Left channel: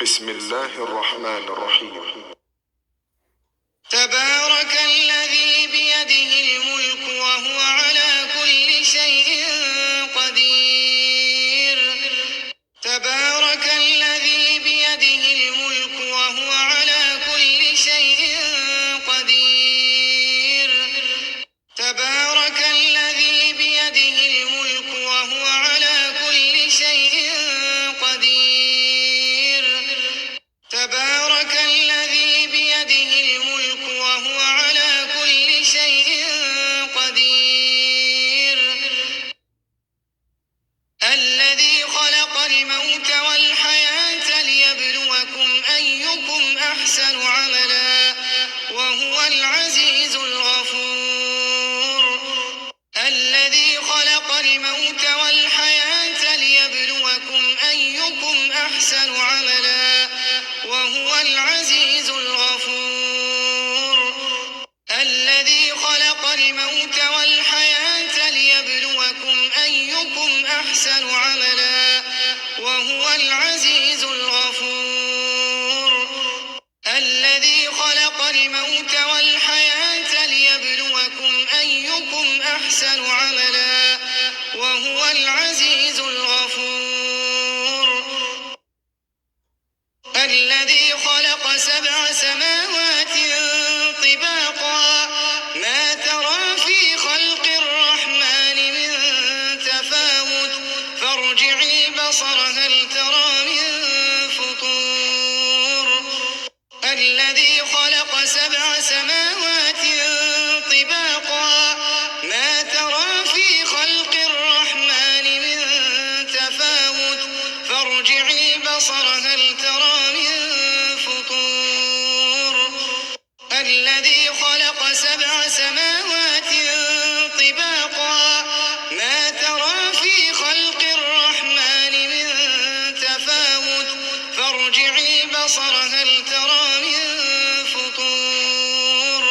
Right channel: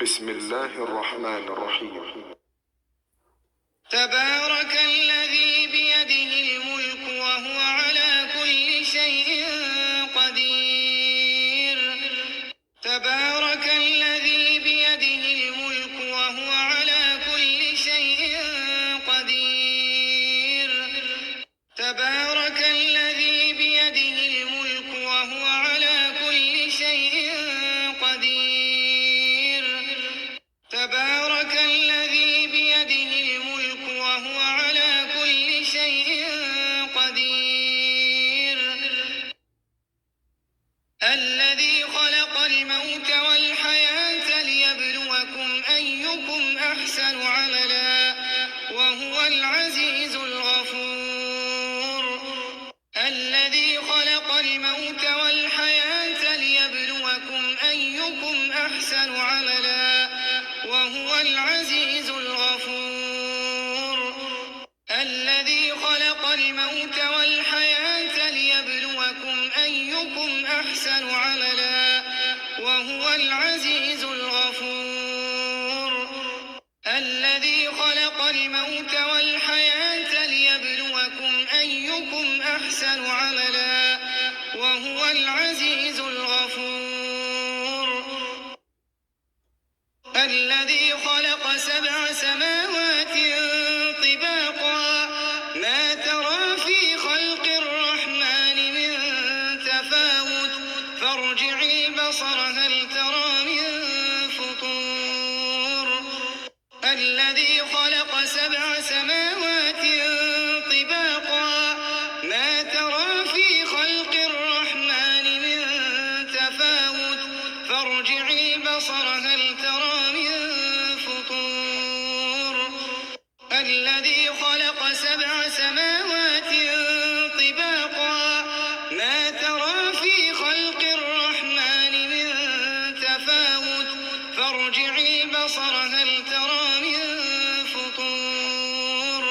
بسم الله الرحمن الرحيم. تبارك الذي بيده الملك وهو على كل شيء قدير. تبارك الذي بيده الملك وهو على كل شيء قدير. تبارك الذي بيده الملك وهو على كل شيء قدير. تبارك الذي بيده الملك وهو على كل شيء قدير. الذي خلق الموت والحياة ليبلوكم أيكم أحسن عملا وهو العزيز الغفور. الذي خلق الموت والحياة ليبلوكم أيكم أحسن عملا وهو العزيز الغفور. الذي خلق الموت والحياة ليبلوكم أيكم أحسن عملا وهو العزيز الغفور. الذي خلق الموت والحياة ليبلوكم أيكم أحسن عملا وهو العزيز الغفور. الذي خلق 7 سماوات طباقا ما ترى في خلق الرحمن من تفاوت فارجع البصر هل ترى من فطور. الذي خلق 7 سماوات طباقا ما ترى في خلق الرحمن من تفاوت فارجع البصر هل ترى من فطور. الذي خلق 7 سماوات طباقا ما ترى في خلق الرحمن من تفاوت فارجع البصر هل ترى من فطور.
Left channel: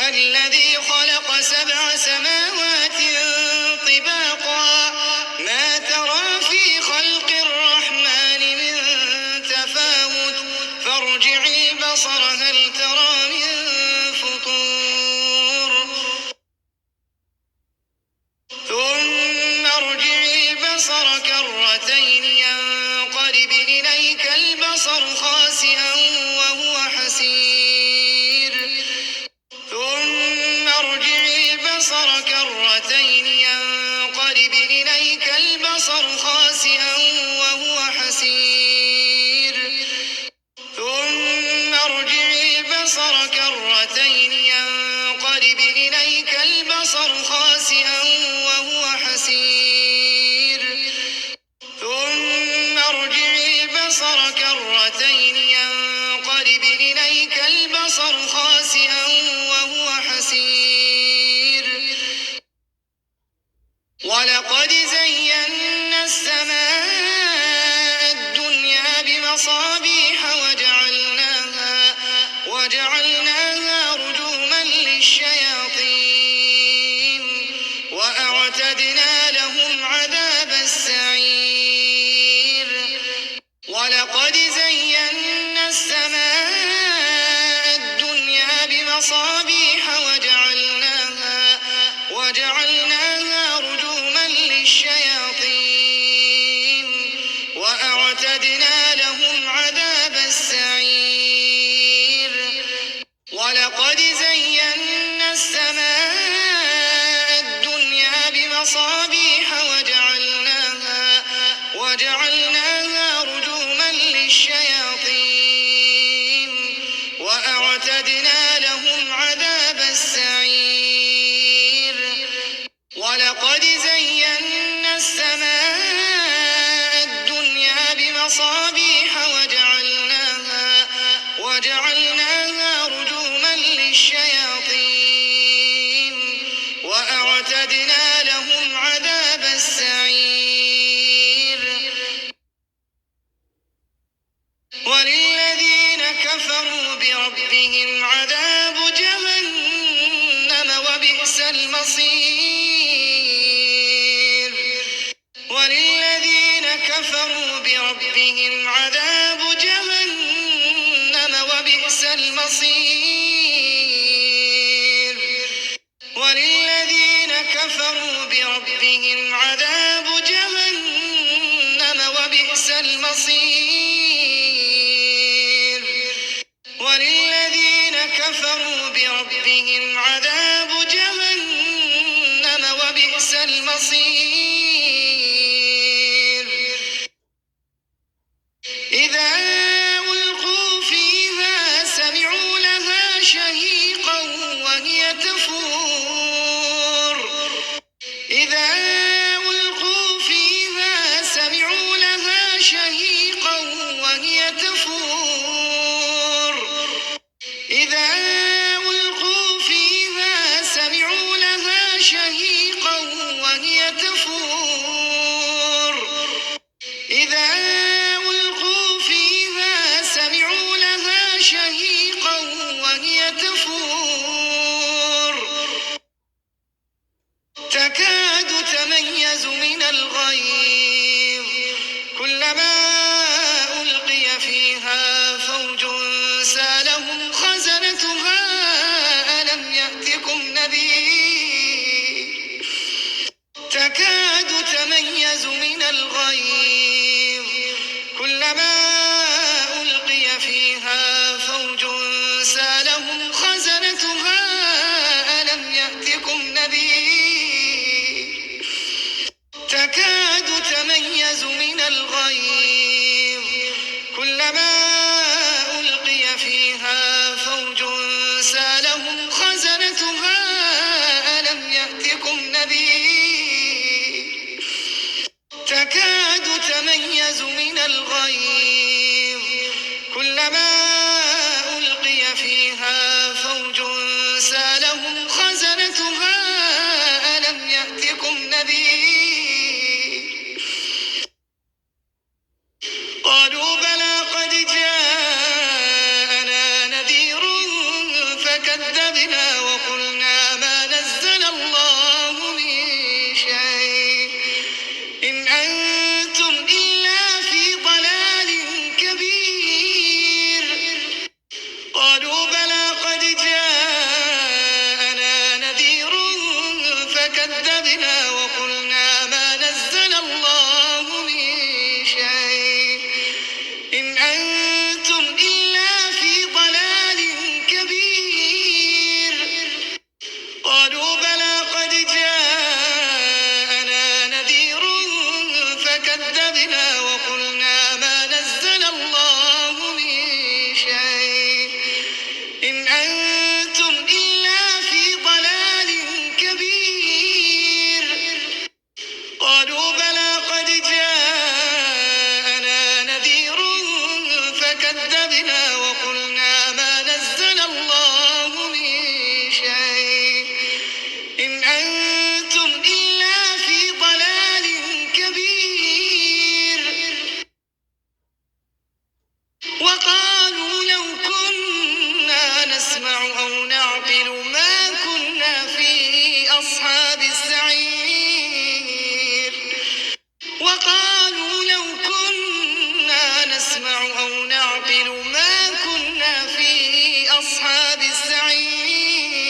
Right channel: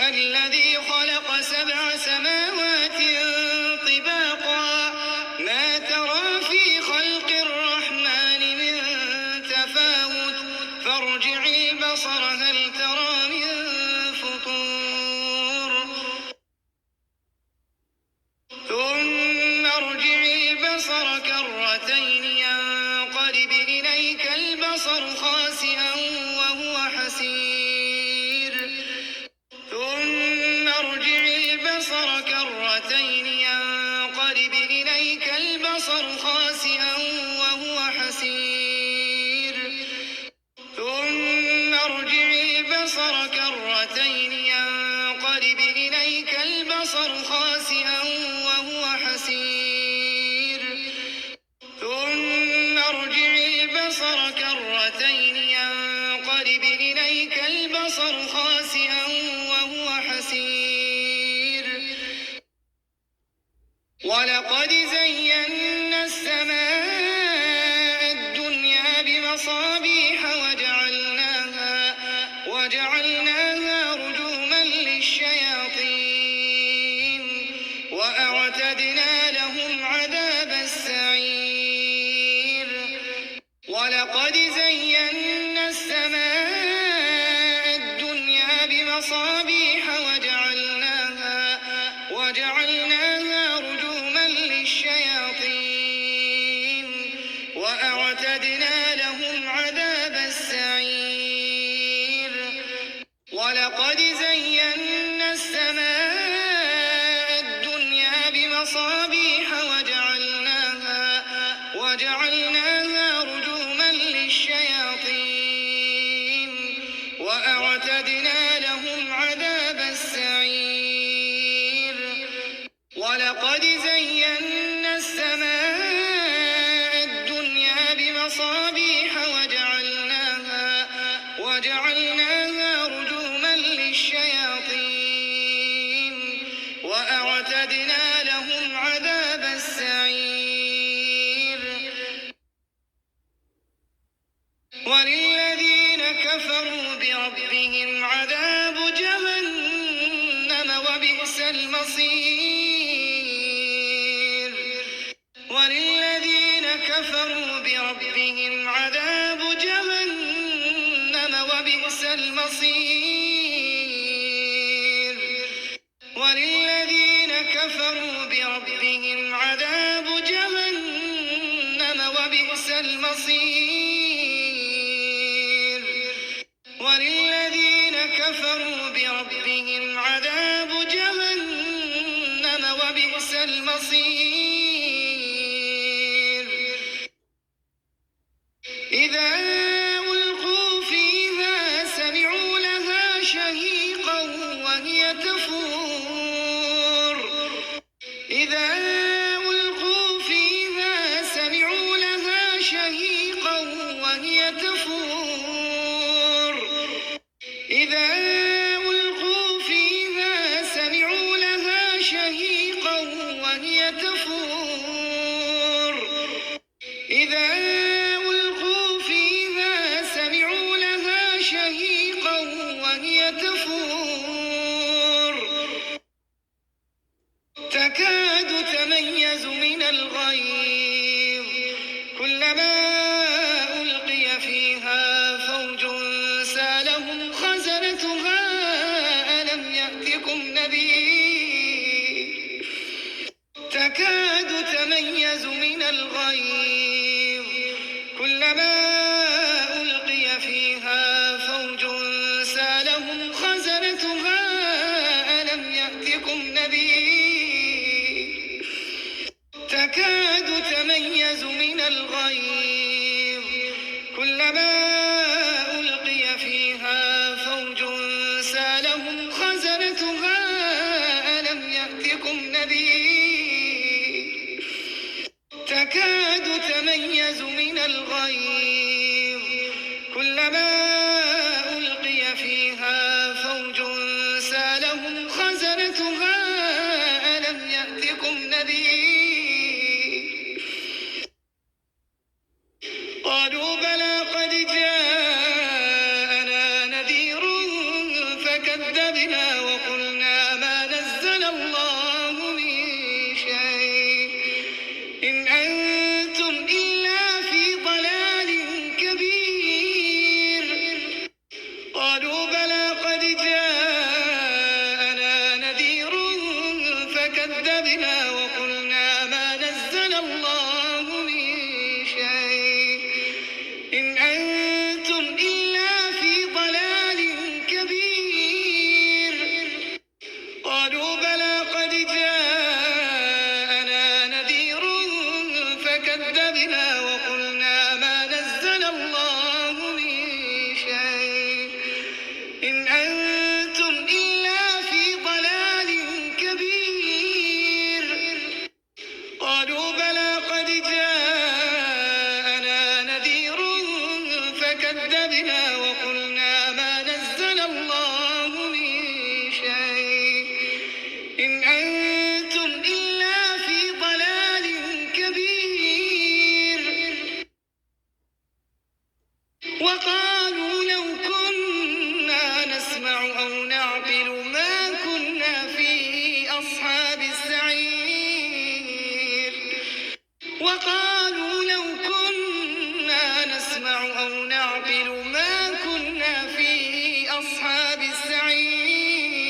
الذي خلق 7 سماوات طباقا ما ترى في خلق الرحمن من تفاوت فارجع البصر هل ترى من فطور. ثم ارجع البصر كرتين ينقلب إليك البصر خاسئا وهو حسير. ثم ارجع البصر كرتين ينقلب إليك البصر خاسئا وهو حسير. ثم ارجع البصر كرتين ينقلب إليك البصر خاسئا وهو حسير. ثم ارجع البصر كرتين ينقلب إليك البصر خاسئا وهو حسير. ولقد زينا السماء الدنيا بمصابيح وجعلناها رجوما للشياطين وأعتدنا لهم عذاب السعير. ولقد زينا السماء الدنيا بمصابيح وجعلناها رجوما للشياطين وأعتدنا لهم عذاب السعير. ولقد زينا السماء الدنيا بمصابيح وجعلناها رجوما للشياطين وأعتدنا لهم عذاب السعير. ولقد زينا السماء الدنيا بمصابيح وجعلناها رجوما للشياطين وأعتدنا لهم عذاب السعير. وللذين كفروا بربهم عذاب جهنم وبئس المصير. بربهم عذاب جهنم وبئس المصير وللذين كفروا بربهم عذاب جهنم وبئس المصير إذا ألقوا فيها سمعوا لها شهيقا وهي تفور إذا ألقوا فيها سمعوا لها شهيقا وهي تفور إذا ألقوا فيها سمعوا لها شهيقا وهي تفور إذا ألقوا فيها سمعوا لها شهيقا وهي تفور تكاد تميز من الغيظ كلما ألقي فيها فوج سألهم خزنتها ألم يأتكم نذير تكاد تميز من الغيظ كلما ألقي فيها فوج سألهم خزنتها ألم يأتكم نذير تكاد تميز من الغيظ كلما ألقي فيها فوج سألهم خزنتها ألم يأتكم نذير تكاد تميز من الغيظ كلما ألقي فيها فوج سألهم خزنتها ألم يأتكم نذير قالوا بلى قد جاءنا نذير فكذبنا وقلنا ما نزل الله من شيء إن أنتم إلا في ضلال كبير قالوا بلى قد جاءنا نذير فكذبنا وقلنا ما نزل الله من شيء إن أنتم إلا في ضلال كبير قالوا بلى قد جاءنا نذير فكذبنا وقلنا ما نزل الله من شيء إن أنتم إلا في ضلال كبير قالوا بلى قد جاءنا نذير فكذبنا وقلنا ما نزل الله من شيء إن أنتم إلا في ضلال كبير وقالوا لو كنا نسمع أو نعقل ما كنا في أصحاب السعير وقالوا لو كنا نسمع أو نعقل ما كنا في أصحاب السعير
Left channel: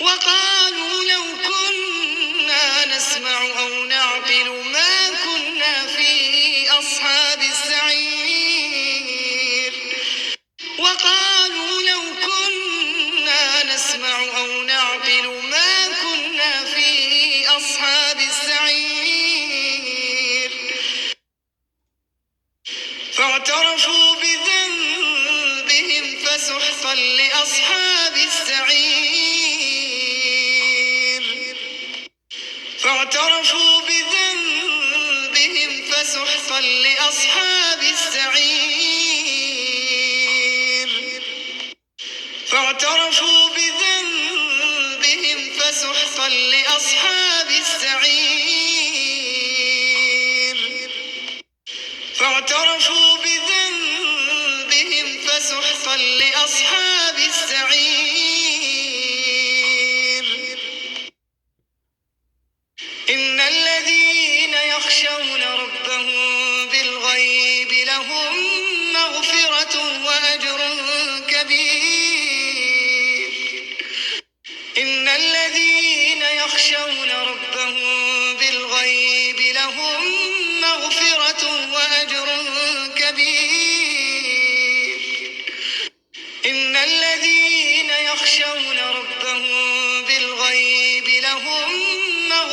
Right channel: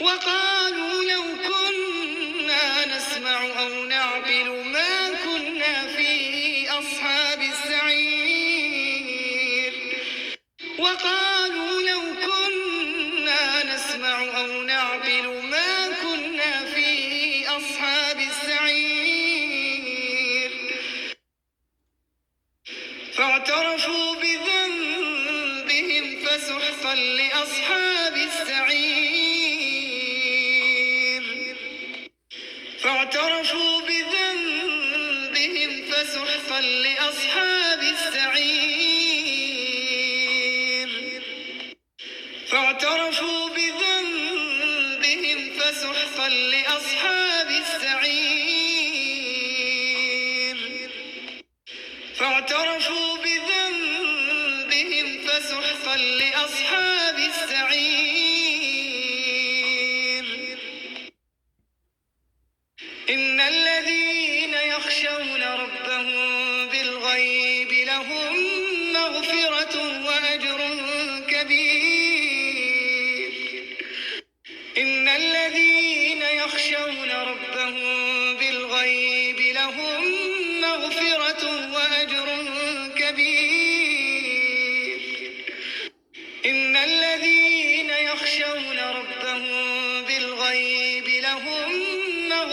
وقالوا لو كنا نسمع أو نعقل ما كنا في أصحاب السعير وقالوا لو كنا نسمع أو نعقل ما كنا في أصحاب السعير فاعترفوا بذنبهم فسحقا لأصحاب السعير فاعترفوا بذنبهم فسحقا لأصحاب السعير فاعترفوا بذنبهم فسحقا لأصحاب السعير فاعترفوا بذنبهم فسحقا لأصحاب السعير إن الذين يخشون ربهم بالغيب لهم مغفرة وأجر كبير إن الذين يخشون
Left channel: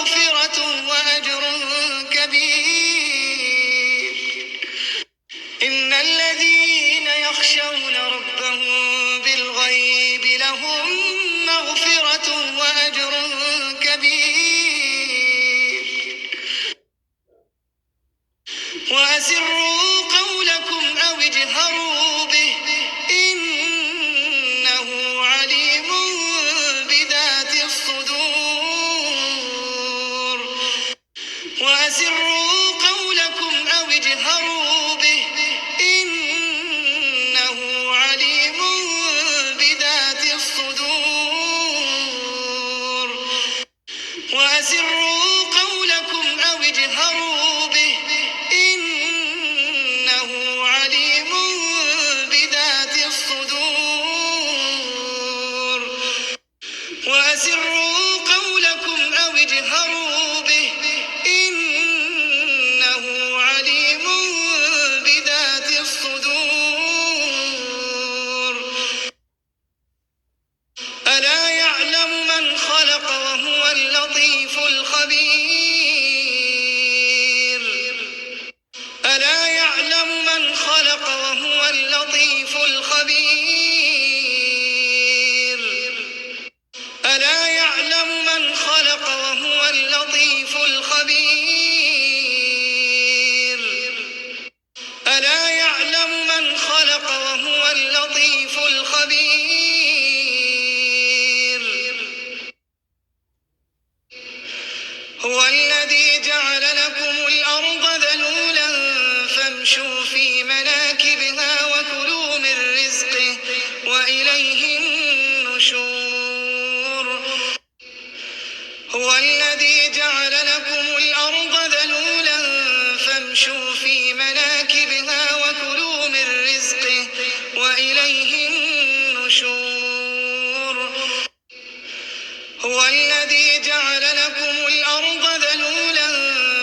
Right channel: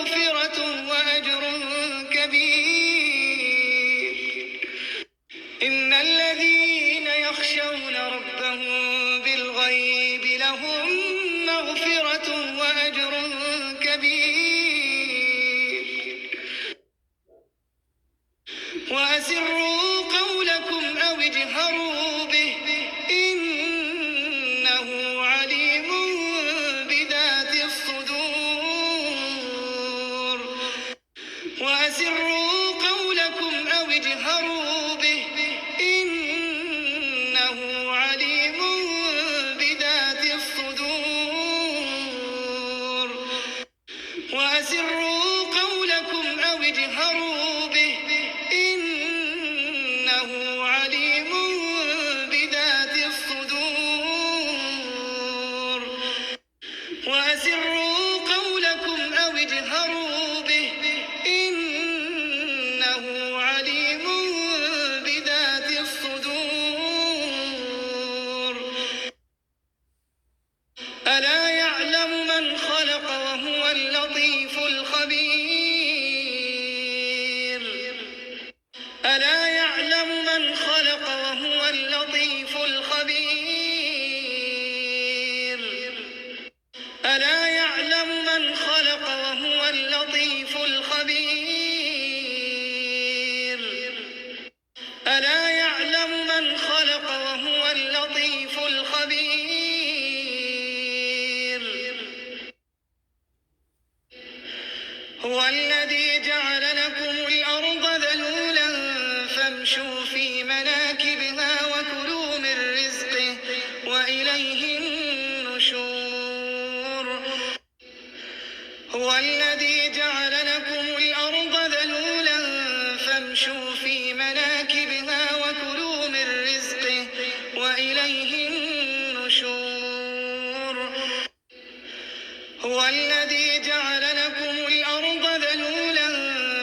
مغفرة وأجر كبير. إن الذين يخشون ربهم بالغيب لهم مغفرة وأجر كبير. وأسروا قولكم أو اجهروا به إنه عليم بذات الصدور. وأسروا قولكم أو اجهروا به إنه عليم بذات الصدور. وأسروا قولكم أو اجهروا به إنه عليم بذات الصدور. وأسروا قولكم أو اجهروا به إنه عليم بذات الصدور. ألا يعلم من خلق وهو اللطيف الخبير. ألا يعلم من خلق وهو اللطيف الخبير. ألا يعلم من خلق وهو اللطيف الخبير. ألا يعلم من خلق وهو اللطيف الخبير. هو الذي جعل لكم الأرض ذلولا فامشوا في مناكبها وكلوا من رزقه وإليه النشور. هو الذي جعل لكم الأرض ذلولا فامشوا في مناكبها وكلوا من رزقه وإليه النشور. هو الذي جعل لكم الأرض ذلولا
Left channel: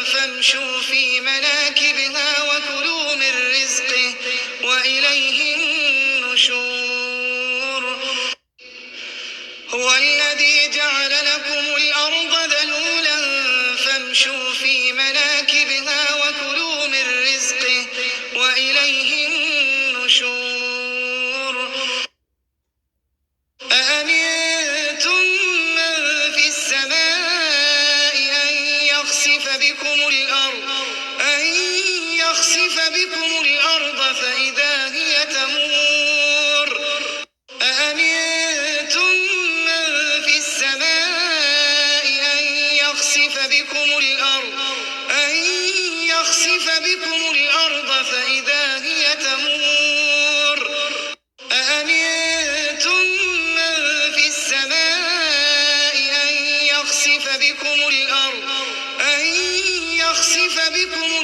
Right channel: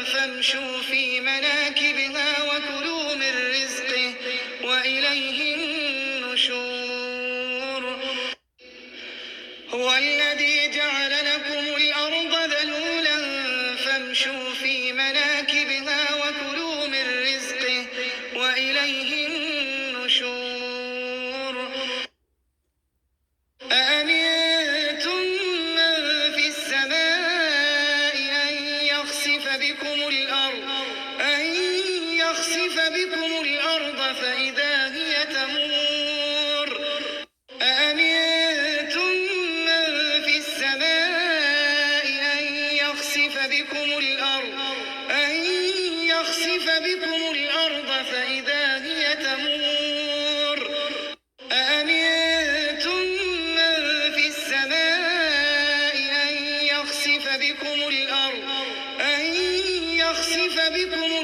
فامشوا في مناكبها وكلوا من رزقه وإليه النشور. هو الذي جعل لكم الأرض ذلولا فامشوا في مناكبها وكلوا من رزقه وإليه النشور. أأمنتم من في السماء أن يخسف بكم الأرض فإذا هي تمور. أأمنتم من في السماء أن يخسف بكم الأرض فإذا هي تمور. أأمنتم من في السماء أن يخسف بكم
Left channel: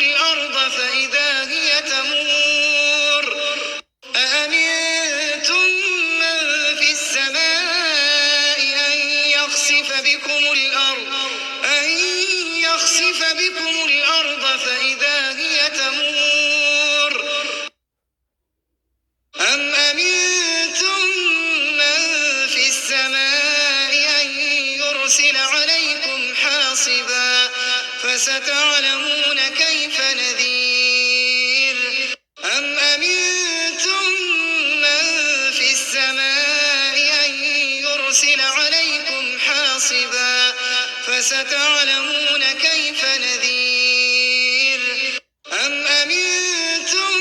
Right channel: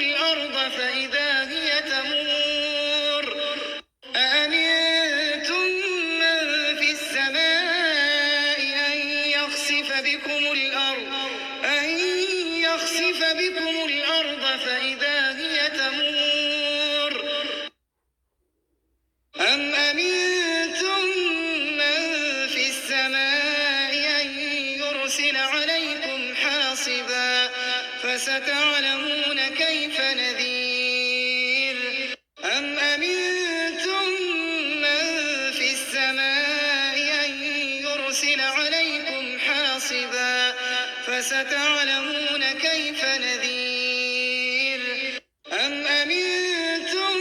الأرض فإذا هي تمور. أأمنتم من في السماء أن يخسف بكم الأرض فإذا هي تمور. أم أمنتم من في السماء أن يرسل عليكم حاصبا فستعلمون كيف نذير. أم أمنتم من في السماء أن يرسل عليكم حاصبا فستعلمون كيف نذير. أم أمنتم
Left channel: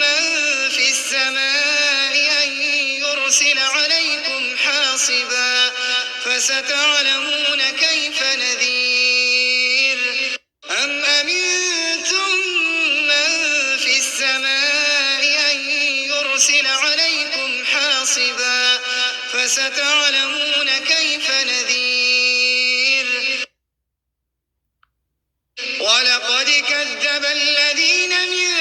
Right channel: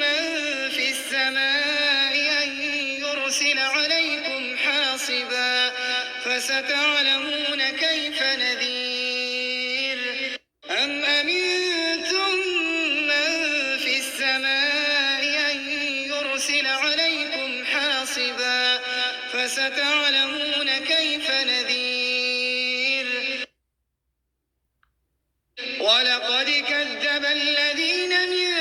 من في السماء أن يرسل عليكم حاصبا فستعلمون كيف نذير. أم أمنتم من في السماء أن يرسل عليكم حاصبا فستعلمون كيف نذير. ولقد كذب الذين من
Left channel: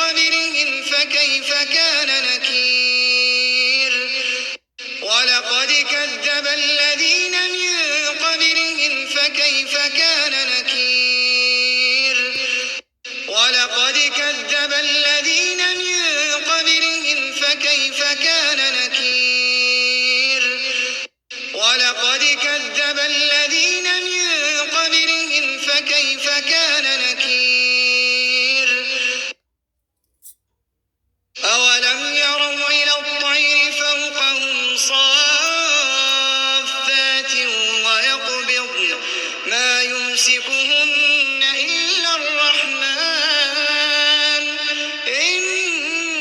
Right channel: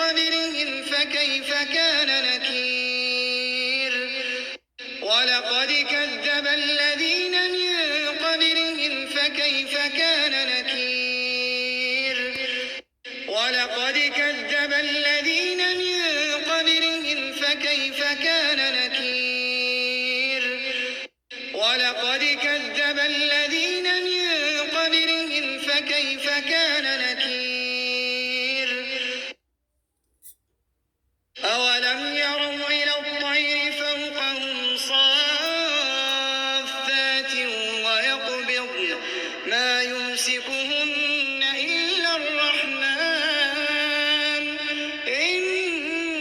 قبلهم فكيف كان نكير. ولقد كذب الذين من قبلهم فكيف كان نكير. ولقد كذب الذين من قبلهم فكيف كان نكير. ولقد كذب الذين من قبلهم كان نكير أولم يروا إلى الطير فوقهم صافات ويقبضن ما يمسكهن إلا الرحمن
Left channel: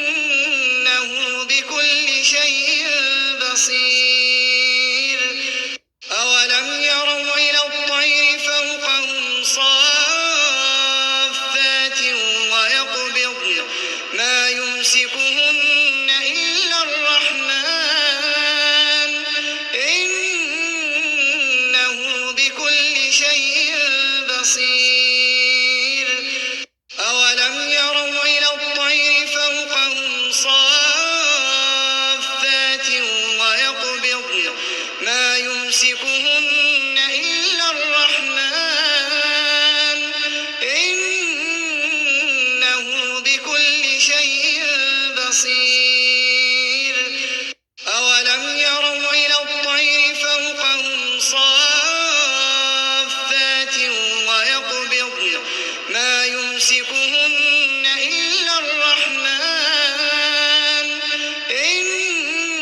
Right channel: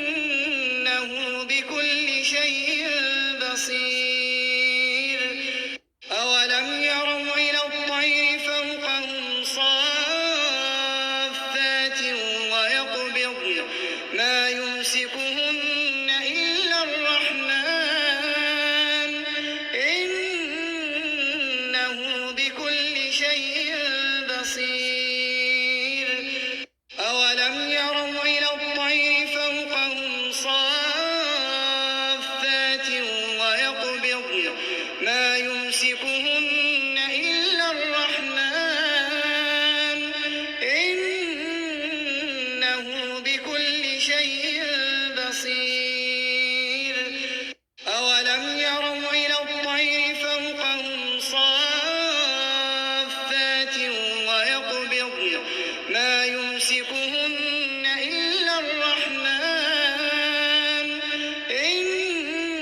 إنه بكل شيء بصير أولم يروا إلى الطير فوقهم صافات ويقبضن ما يمسكهن إلا الرحمن إنه بكل شيء بصير أولم يروا إلى الطير فوقهم صافات ويقبضن ما يمسكهن إلا الرحمن إنه بكل شيء بصير أولم يروا إلى الطير فوقهم صافات ويقبضن ما يمسكهن إلا الرحمن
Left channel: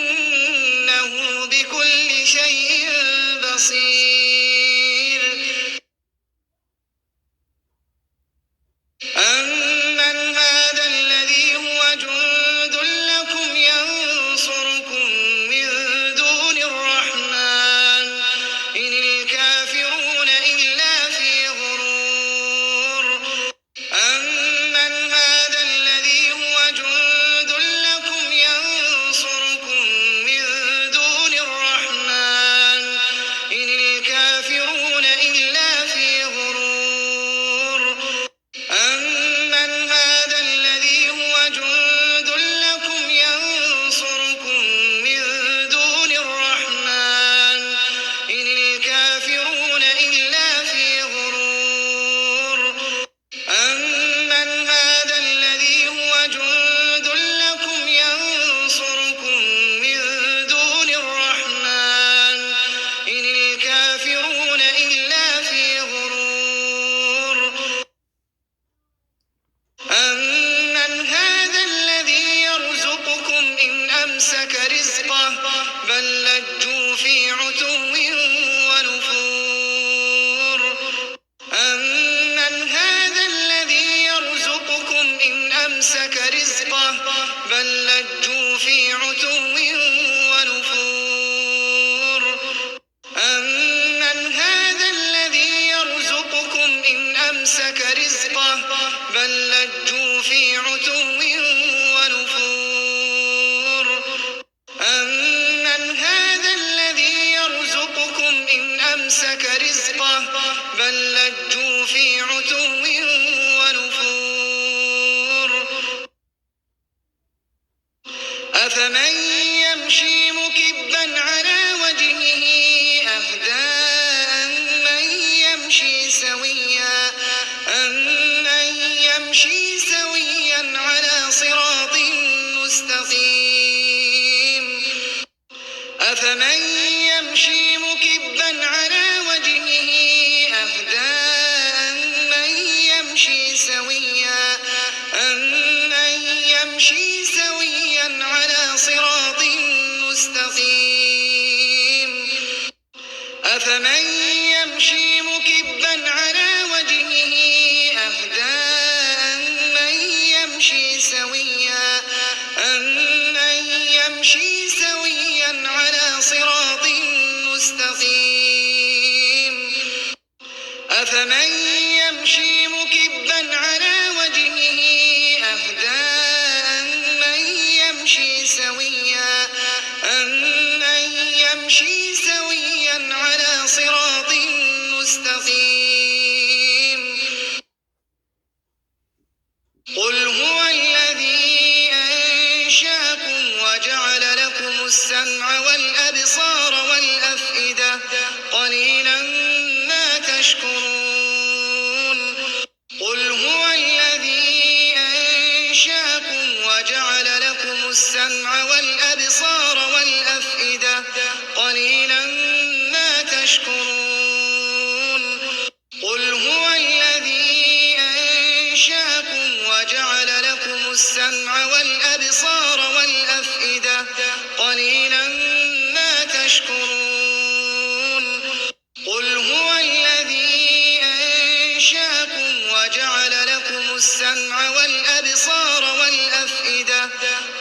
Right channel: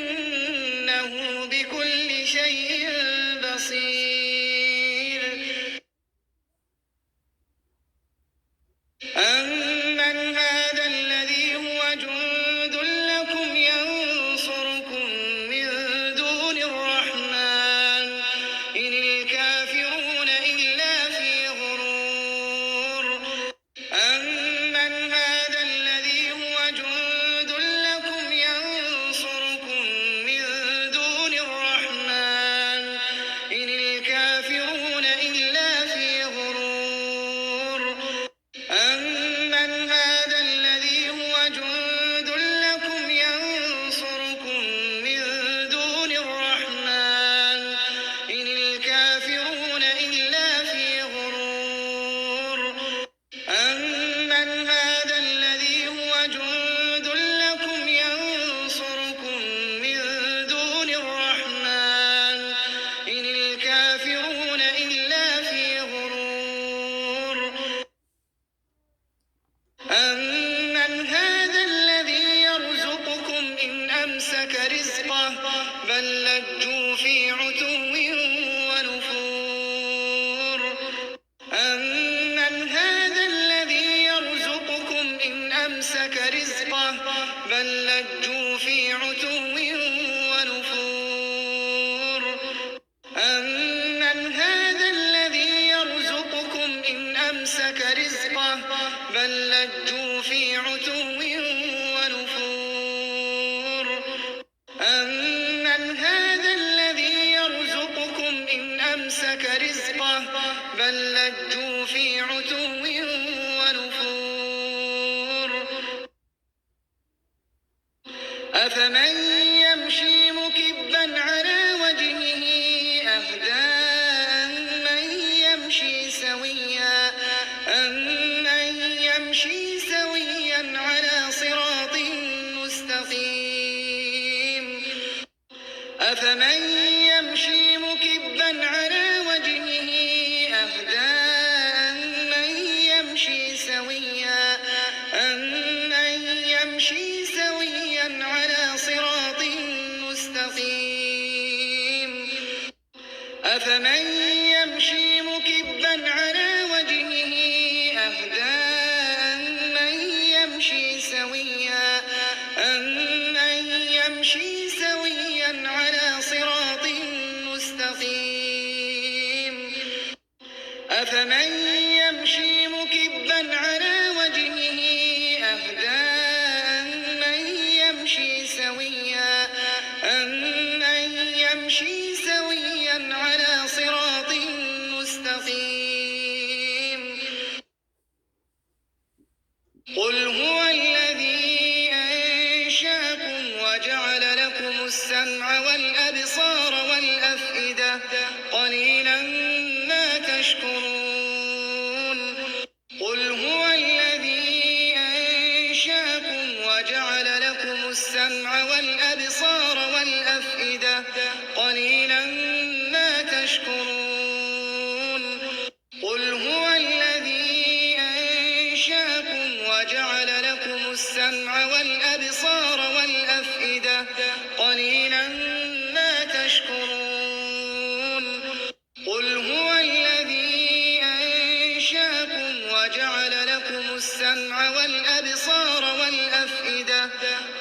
إنه بكل شيء بصير أمن هذا الذي هو جند لكم ينصركم من دون الرحمن إن الكافرون إلا في غرور أمن هذا الذي هو جند لكم ينصركم من دون الرحمن إن الكافرون إلا في غرور أمن هذا الذي هو جند لكم ينصركم من دون الرحمن إن الكافرون إلا في غرور أمن هذا الذي هو جند لكم ينصركم من دون الرحمن إن الكافرون إلا في غرور أمن هذا الذي يرزقكم إن أمسك رزقه بل لجوا في عتو ونفور أمن هذا الذي يرزقكم إن أمسك رزقه بل لجوا في عتو ونفور أمن هذا الذي يرزقكم إن أمسك رزقه بل لجوا في عتو ونفور أمن هذا الذي يرزقكم إن أمسك رزقه بل لجوا في عتو ونفور أفمن يمشي مكبا على وجهه أهدى أمن يمشي سويا على صراط مستقيم أفمن يمشي مكبا على وجهه أهدى أمن يمشي سويا على صراط مستقيم أفمن يمشي مكبا على وجهه أهدى أمن يمشي سويا على صراط مستقيم أفمن يمشي مكبا على وجهه أهدى أمن يمشي سويا على صراط مستقيم قل هو الذي أنشأكم وجعل لكم السمع والأبصار والأفئدة قليلا ما تشكرون قل هو الذي أنشأكم وجعل لكم السمع والأبصار والأفئدة قليلا ما تشكرون قل هو الذي وجعل لكم السمع والأبصار والأفئدة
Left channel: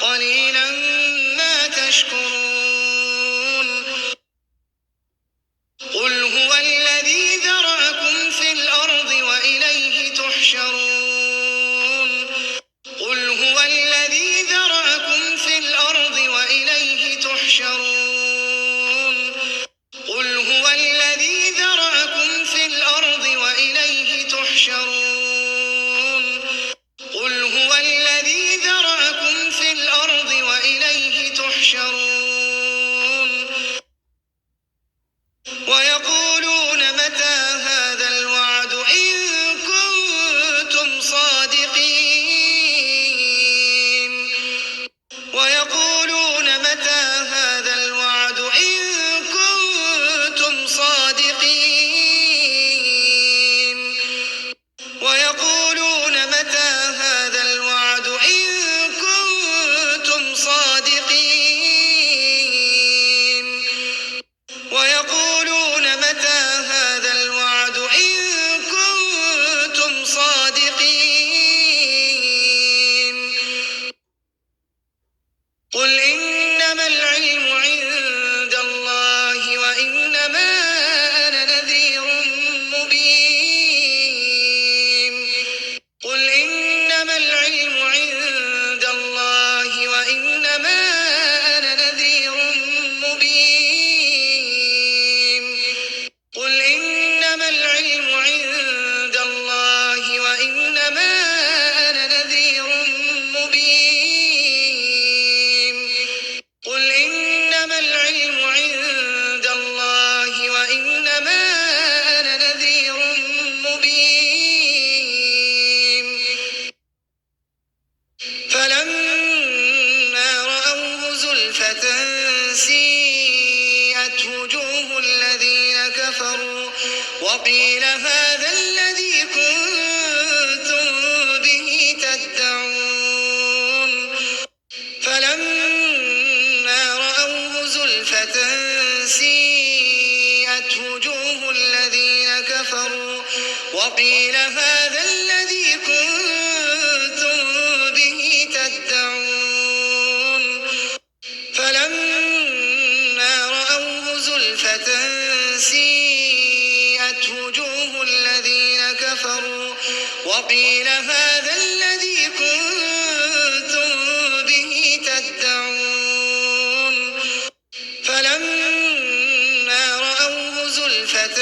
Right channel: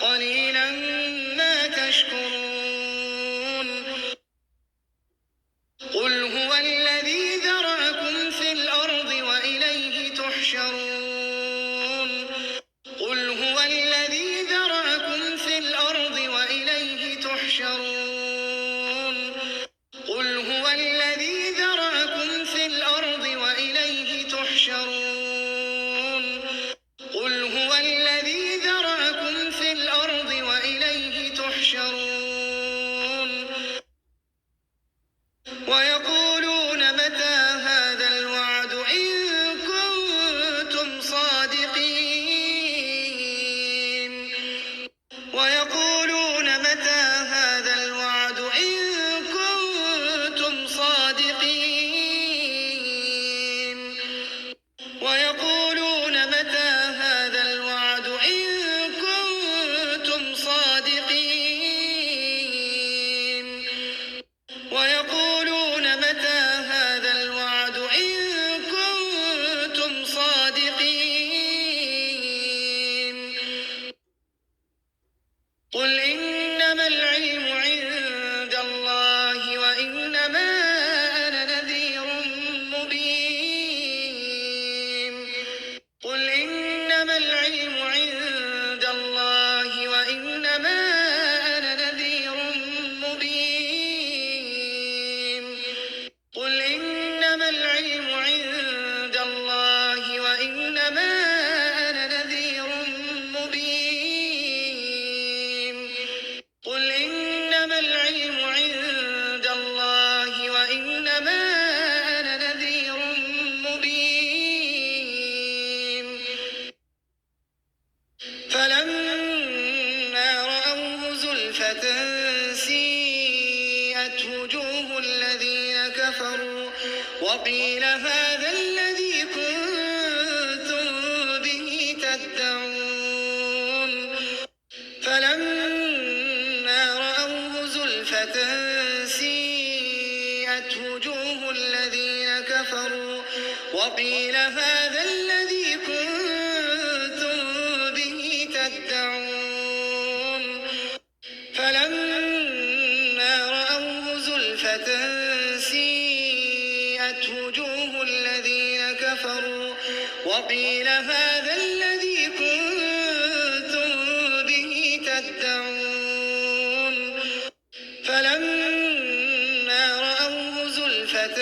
قليلا ما تشكرون قل هو الذي ذرأكم في الأرض وإليه تحشرون قل هو الذي ذرأكم في الأرض وإليه تحشرون قل هو الذي ذرأكم في الأرض وإليه تحشرون قل هو الذي ذرأكم في الأرض وإليه تحشرون ويقولون متى هذا الوعد إن كنتم صادقين ويقولون متى هذا الوعد إن كنتم صادقين ويقولون متى هذا الوعد إن كنتم صادقين ويقولون متى هذا الوعد إن كنتم صادقين قل إنما العلم عند الله وإنما أنا نذير مبين قل إنما العلم عند الله وإنما أنا نذير مبين قل إنما العلم عند الله وإنما أنا نذير مبين قل إنما العلم عند الله وإنما أنا نذير مبين فلما رأوه زلفة سيئت وجوه الذين كفروا وقيل هذا الذي كنتم به تدعون فلما رأوه زلفة سيئت وجوه الذين كفروا وقيل هذا الذي كنتم به تدعون فلما رأوه زلفة سيئت وجوه الذين كفروا وقيل هذا الذي كنتم به تدعون فلما رأوه زلفة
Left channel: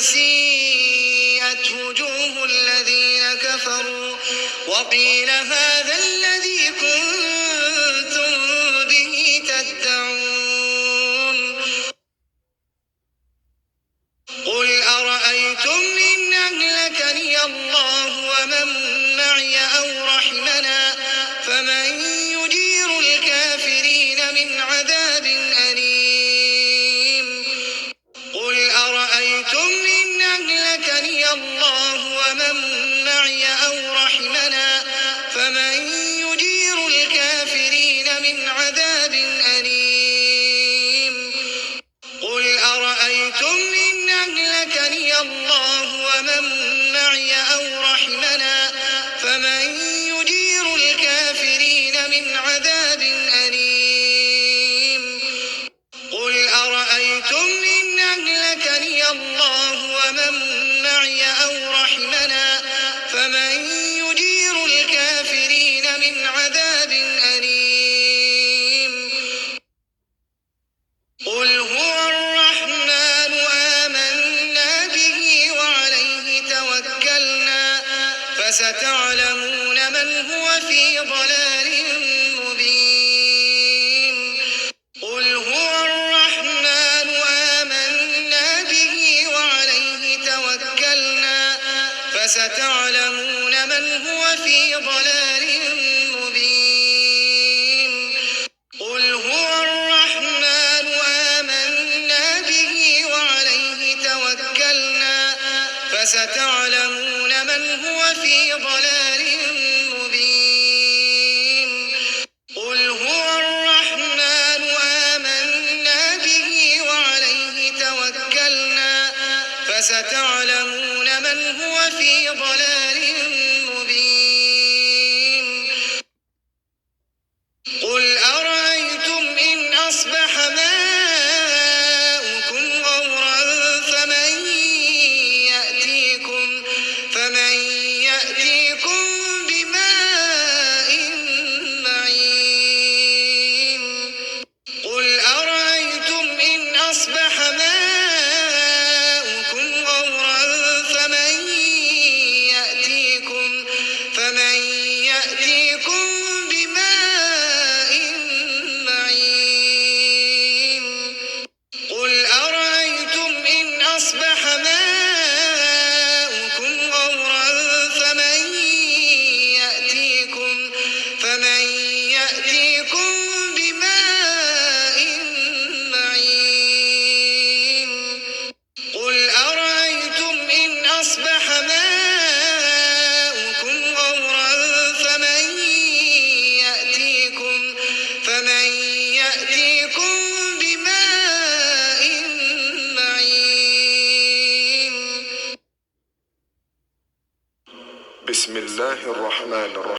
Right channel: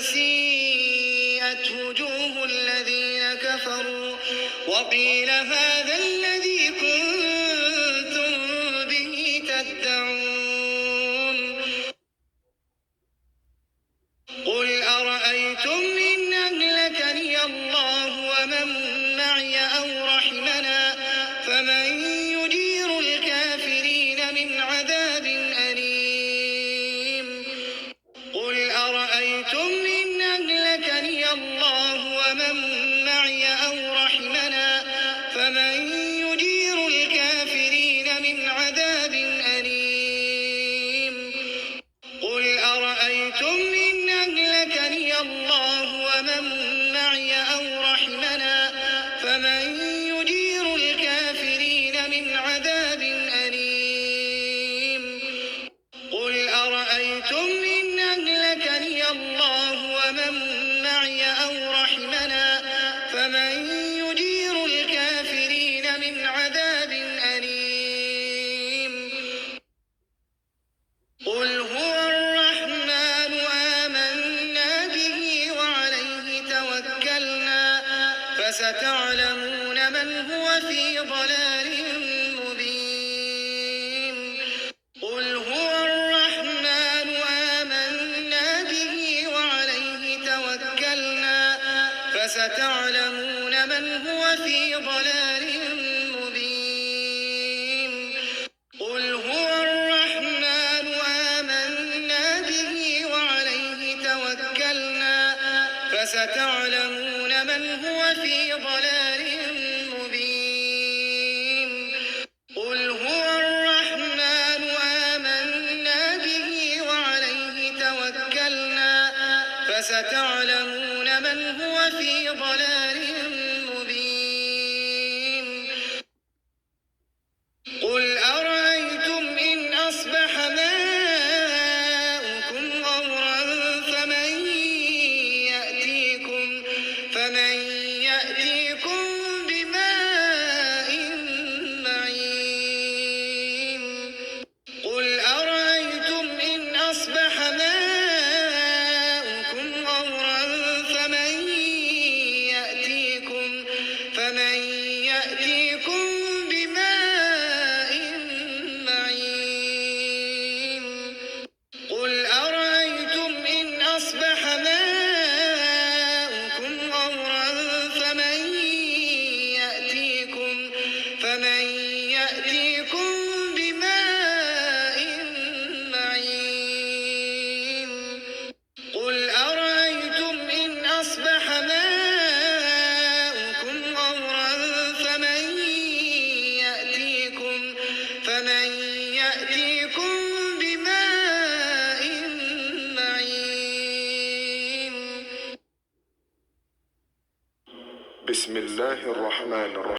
سيئت وجوه الذين كفروا وقيل هذا الذي كنتم به تدعون قل أرأيتم إن أهلكني الله ومن معي أو رحمنا فمن يجير الكافرين من عذاب أليم قل أرأيتم إن أهلكني الله ومن معي أو رحمنا فمن يجير الكافرين من عذاب أليم قل أرأيتم إن أهلكني الله ومن معي أو رحمنا فمن يجير الكافرين من عذاب أليم قل أرأيتم إن أهلكني الله ومن معي أو رحمنا فمن يجير الكافرين من عذاب أليم قل هو الرحمن آمنا به وعليه توكلنا فستعلمون من هو في ضلال مبين قل هو الرحمن آمنا به وعليه توكلنا فستعلمون من هو في ضلال مبين قل هو الرحمن آمنا به وعليه توكلنا فستعلمون من هو في ضلال مبين قل هو الرحمن آمنا به وعليه توكلنا فستعلمون من هو في ضلال مبين قل أرأيتم إن أصبح ماؤكم غورا فمن يأتيكم بماء معين قل أرأيتم إن أصبح ماؤكم غورا فمن يأتيكم بماء معين قل أرأيتم إن أصبح ماؤكم غورا فمن يأتيكم بماء معين قل أرأيتم إن أصبح ماؤكم غورا فمن يأتيكم بماء معين بسم الله الرحمن الرحيم